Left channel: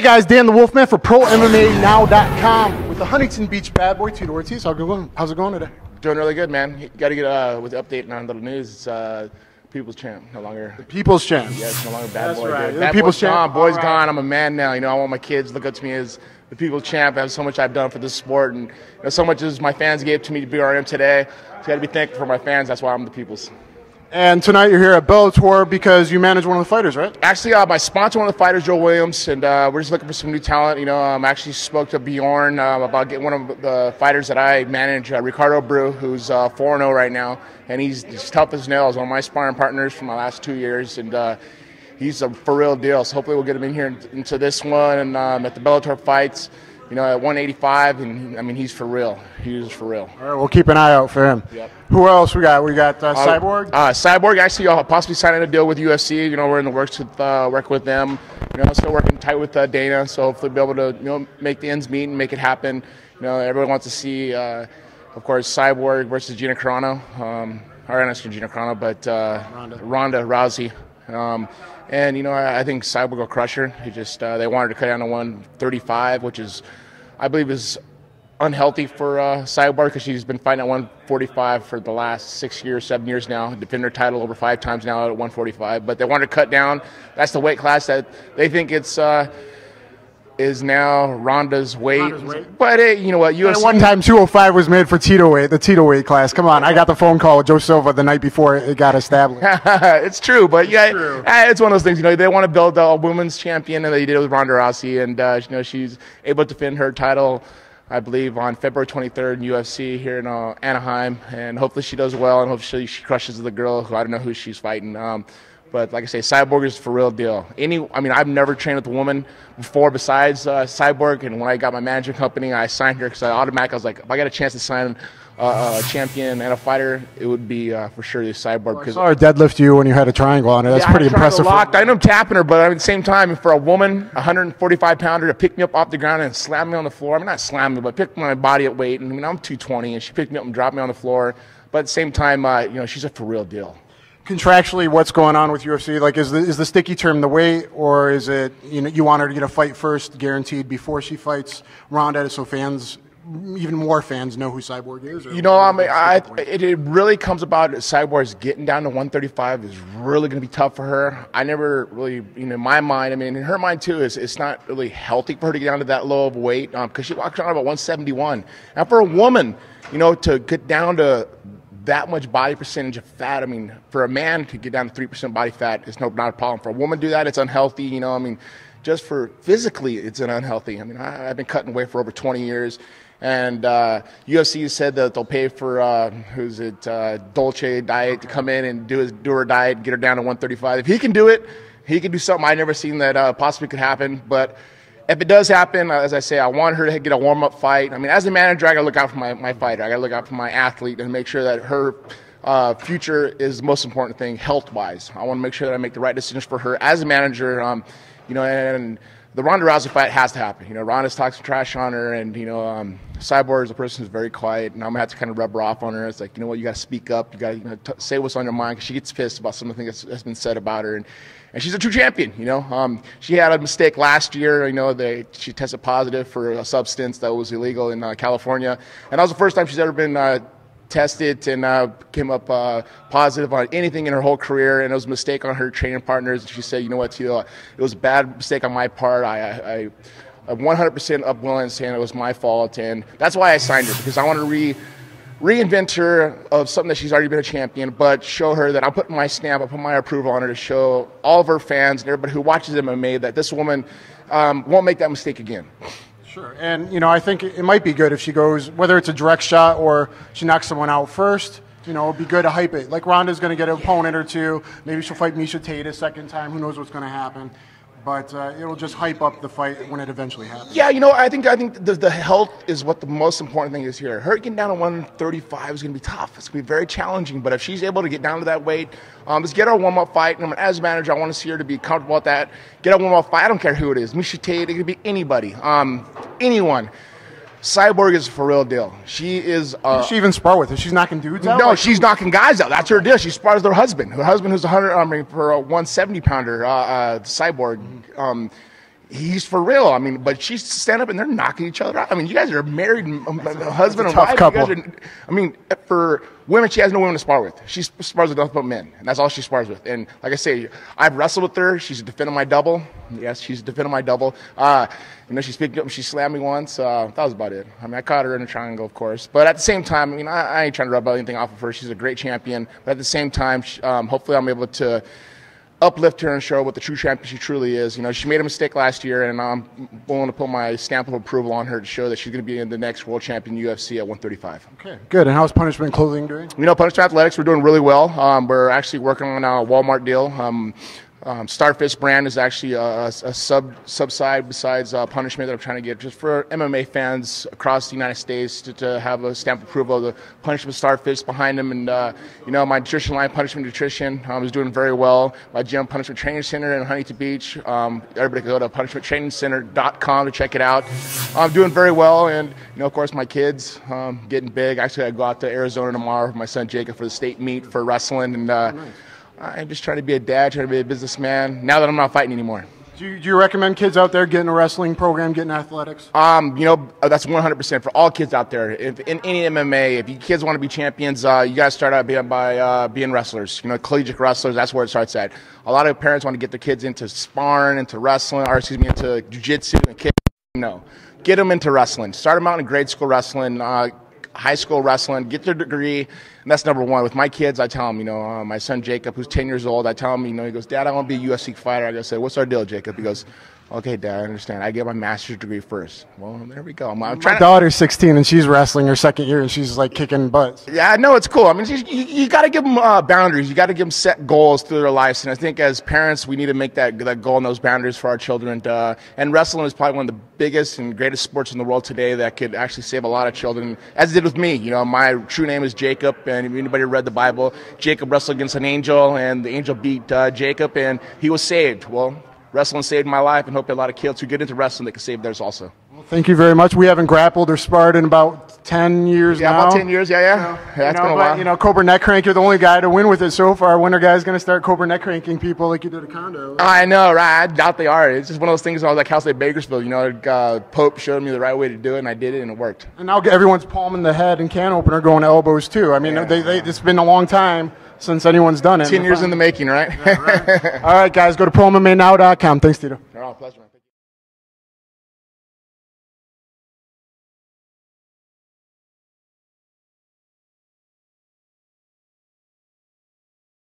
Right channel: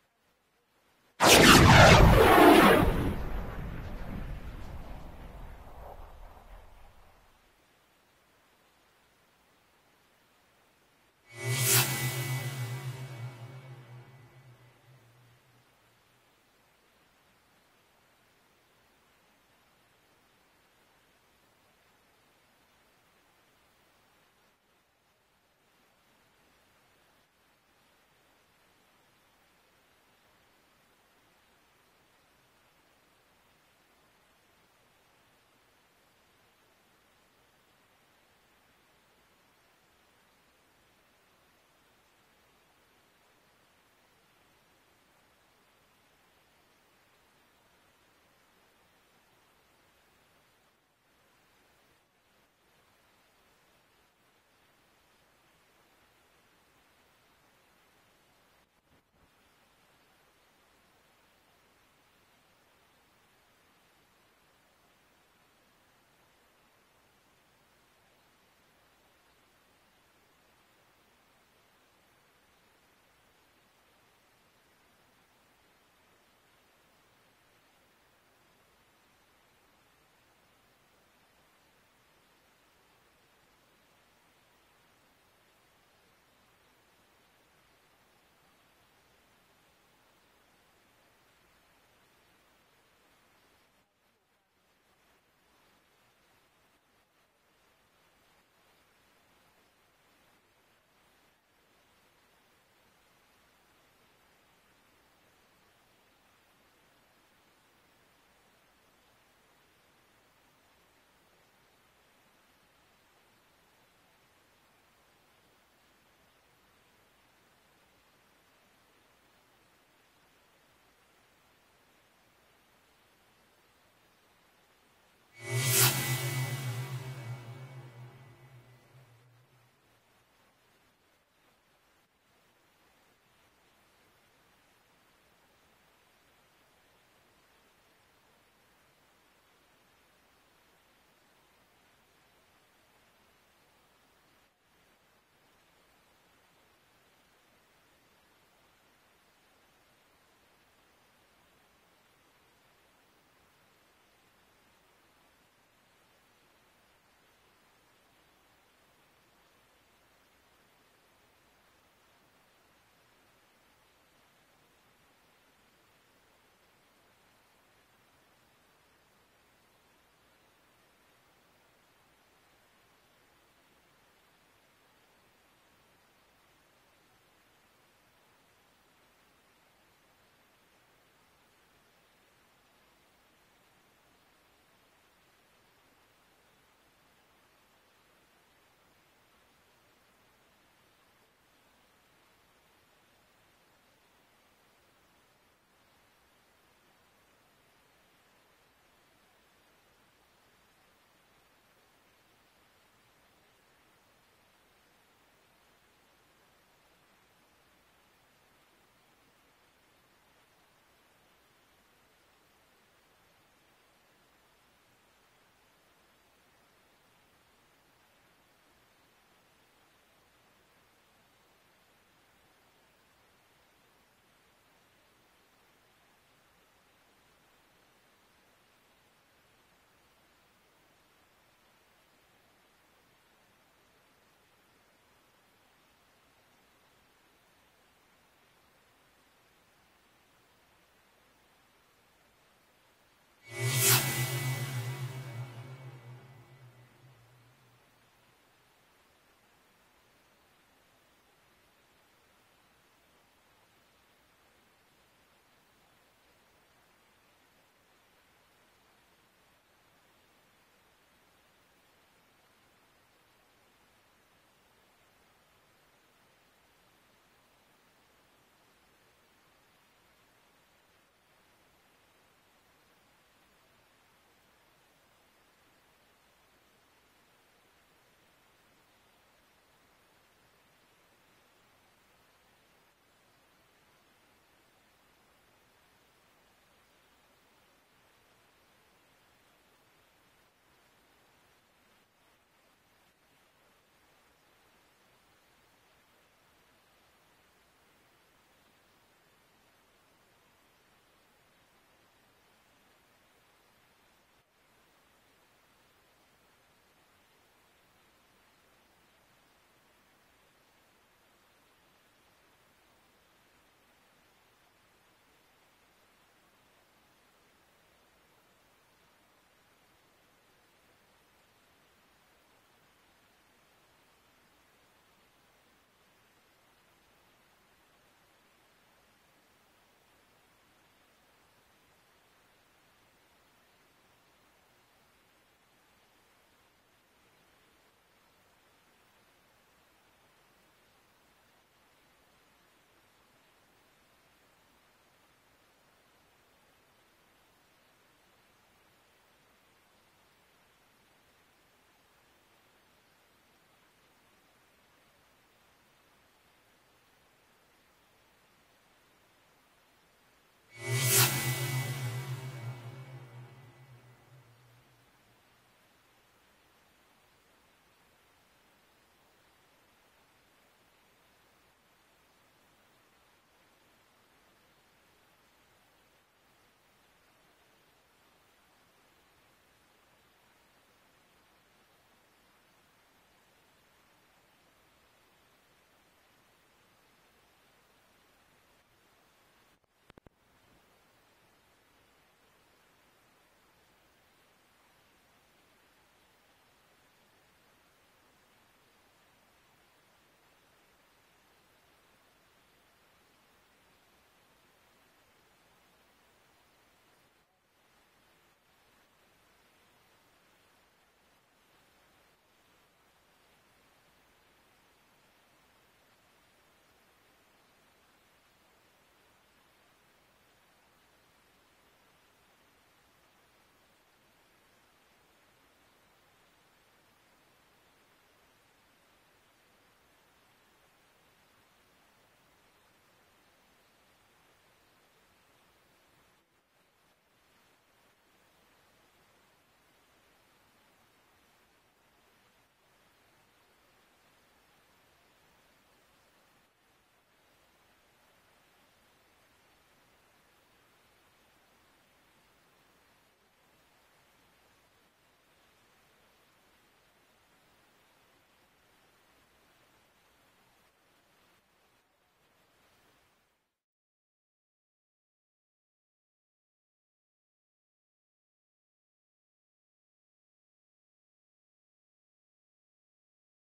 Hey guys, Dan The Wolfman for ProMMANow.com with the Huntington Beach bad boy, Tito Ortiz. How's it going today? Doing really good, man. You got to get with the update on the news. It's People's Champ, no longer. The People's Champ. Yeah, it's no longer bad That's boy. right. Bad People's boy's Champ. gone. Boy's gone. I'm a man now. You know, I want my kids to look up to me as the People's Champ. I have so much I've done for this sport, and you know, so much as my fans gave to me to be where I am today. So I got to be thankful for my fans. That's why I'm the People's. And tonight you're here at Bellator because you manage one of the fighters, right? Actually, my sponsor, one of the fighters, Joe Williams, and we're just looking for some new talent. You know, I actually spoke to Bjorn about getting one of the fighters that I manage, Ricardo Bru, who's 4-0 right now, and he's tough as nails. One of my sparring partners for my last 2 years, and he's a for real deal. So hopefully we'll get him in here into this one, and at the Bellator fights. You know, at 185, and I mean, he's for real. He's for real. All right, we'll keep an eye out for him. Yep. Who else we got? We got Cyborg. Cyborg, actually, possibly signing a deal with UFC. You know, we're in the works with work with them. You know, still working tight with Dana, so hopefully be able to make the ends meet and make it happen. You know, everyone wants to see, of course, Cyborg versus Gina Carano. Or not Gina Carano, but Ronda Rousey. And, you know, I think Cyborg will crush her. He just, they wanted to cut down to 135, which is, I believe, is unhealthy for Cyborg because she's been fighting at 145 for the last 6 years, 7 years now. Defended her title over 5 times now at 145. But they wanted to cut down. That's the weight class that they think it's is now Ronda's weight. But you know what? UFC. At one time, 205 was made for Tito weight, the Tito weight class. Come on, I got the phone call with Joe Silva the night before it got established. It's true, but yeah, true. It's one of those things. You know, they want to build a women's champion, and they did it with Ronda Rousey, and you know, she's able to defend her title, I believe, on February 23rd in UFC here in Anaheim, and hopefully she does well, and hopefully she crushes the girl who I don't know who she's fighting. But like I say, Cyborg is for real deal. I mean, I've never trained with a woman before besides Cyborg, and when I got my management company, I signed her because I was like, if I got a chance to sign a champion and a fighter, it would be for sure the Cyborg. I saw her deadlift you when you had a triangle on her. That's pretty impressive. Locked. I know I'm tapping her, but at the same time, for a woman, 145-pounder, to pick me up off the ground and slam me on the floor. I mean, not slam me, but pick my body at weight. I mean, I'm 220, and she picked me up and dropped me on the floor. But at the same time, you know, she's a for real deal. Contractually, what's going on with UFC? Like, is the sticky term the weight, or is it, you know, you want her to get a fight first, guaranteed before she fights Ronda, so fans, even more fans, know who Cyborg is? You know, I mean, it really comes about Cyborg's getting down to 135 is really going to be tough for her. I never really, you know, in my mind, I mean, in her mind too, it's not really healthy for her to get down to that low of weight because she walks around about 171. And for a woman, you know, to get down to that much body percentage of fat, I mean, for a man to get down to 3% body fat, it's not a problem. For a woman to do that, it's unhealthy, you know, I mean, just for physically, it's unhealthy. I mean, I've been cutting weight for over 20 years, and UFC said that they'll pay for, Dolce Diet to come in and do her diet, get her down to 135. If he can do it, he can do something I've never seen that possibly could happen, but if it does happen, as I say, I want her to get a warm-up fight. I mean, as a manager, I got to look out for my fighter. I got to look out for my athlete and make sure that her future is the most important thing health-wise. I want to make sure that I make the right decisions for her as a manager. You know, and the Ronda Rousey fight has to happen. You know, Ronda's talking some trash on her, and you know, Cyborg is a person who's very quiet, and I'm gonna have to kind of rub her off on her. It's like, you know what, you got to speak up. You got to say what's on your mind because she gets pissed about some of the things that's been said about her. And she's a true champion, you know. She had a mistake last year, you know, she tested positive for a substance that was illegal in California. And that was the first time she's ever been tested and came up positive on anything in her whole career. And it was a mistake on her training partners. And she said, you know what, Tito, it was a bad mistake on my part. I'm 100% upwilling saying it was my fault. And that's why I signed her, because I want to reinvent her of something that she's already been a champion, but show her that I'm putting my stamp, I put my approval on her to show all of her fans and everybody who watches MMA that this woman won't make that mistake again. Sure, and you know, I think it might be good if she goes, whether it's a direct shot or she knocks someone out first, you know, it'd be good to hype it. Like Ronda's going to get an opponent or two, maybe she'll fight Misha Tate a second time, who knows what's going to happen. But it'll just hype up the fight when it eventually happens. Yeah, you know, I think the health is what the most important thing is here. Her getting down to 135 is going to be tough. It's going to be very challenging. But if she's able to get down to that weight, let's get her a warm-up fight. And as a manager, I want to see her to be comfortable with that. Get a warm-up fight. I don't care who it is. Misha Tate, it could be anybody, anyone. Cyborg is for real deal. She is. Does she even spar with her? She's knocking dudes out? No, she's knocking guys out. That's her deal. She spars with her husband. Her husband, who's for a 170-pounder, Cyborg. he's for real. I mean, but she's stand up and they're knocking each other out. I mean, you guys are married, husband and wife. Couple. You guys are, I mean, for women, she has no women to spar with. She spars with nothing but men, and that's all she spars with. And like I say, I've wrestled with her. She's defending my double. Yes, she's defending my double. You know, she picked up and she slammed me once. That was about it. I mean, I caught her in a triangle, of course. But at the same time, I mean, I ain't trying to rub anything off of her. She's a great champion. But at the same time, hopefully I'm able to uplift her and show her what the true champion she truly is. You know, she made a mistake last year, and I'm willing to put my stamp of approval on her to show that she's going to be in the next world champion UFC at 135. Okay, good. And how's Punishment Clothing doing? You know, Punishment Athletics, we're doing really well. We're actually working on a Walmart deal. Starfish brand is actually a sub-side besides Punishment that I'm trying to get just for MMA fans across the United States to have a stamp of approval of the Punishment Starfish behind them. And, you know, my nutrition line, Punishment Nutrition, is doing very well. My gym, Punishment Training Center in Huntington Beach. Everybody can go to punishmenttrainingcenter.com to check it out. I'm doing very well. And, you know, of course, my kids getting big. Actually, I go out to Arizona tomorrow with my son Jacob for the state meet for wrestling. And, nice. I'm just trying to be a dad, trying to be a businessman, now that I'm not fighting anymore. Do you recommend kids out there getting a wrestling program, getting athletics? You know, that's 100% for all kids out there. If, in any MMA, if you kids want to be champions, you got to start out by being wrestlers. You know, collegiate wrestlers, that's where it starts at. A lot of parents want to get their kids into sparring, into wrestling, or excuse me, into jiu-jitsu, and kids, no. Get them into wrestling. Start them out in grade school wrestling, high school wrestling, get their degree. And that's number one. With my kids, I tell them, you know, my son Jacob, who's 10 years old, I tell him, you know, he goes, Dad, I want to be a UFC fighter. I say, what's our deal, Jacob? He goes, okay, Dad, I understand. I get my master's degree first. Well, there we go. My daughter's 16 and she's wrestling her second year and she's like kicking butts. Yeah, I know, it's cool. I mean, you got to give them boundaries. You got to give them set goals through their lives. And I think as parents, we need to make that goal and those boundaries for our children. And wrestling is probably one of the biggest and greatest sports in the world today that could actually save a lot of children, as it did with me. You know, my true name is Jacob, and if anybody read the Bible, Jacob wrestled against an angel, and the angel beat Jacob, and he was saved. Well, wrestling saved my life, and hope a lot of kids who get into wrestling, they can save theirs also. Well, thank you very much. We haven't grappled or sparred in about 10 years now. Yeah, about 10 years, yeah. So, That's been a while. You know, Cobra Neck Crank, you're the only guy to win with it so far. When are guys going to start Cobra Neck Cranking people like you did at Condo? I know, right? I doubt they are. It's just one of those things. I was like House at Bakersfield. You know, Pope showed me the right way to do it, and I did it, and it worked. And now everyone's palming the head and can opener going to elbows, too. I mean, it's been a long time since anyone's done it. 10 years in the making, right? Yeah, right. All right, guys, go to prommmanow.com. Thanks, Tito. All right, pleasure, man.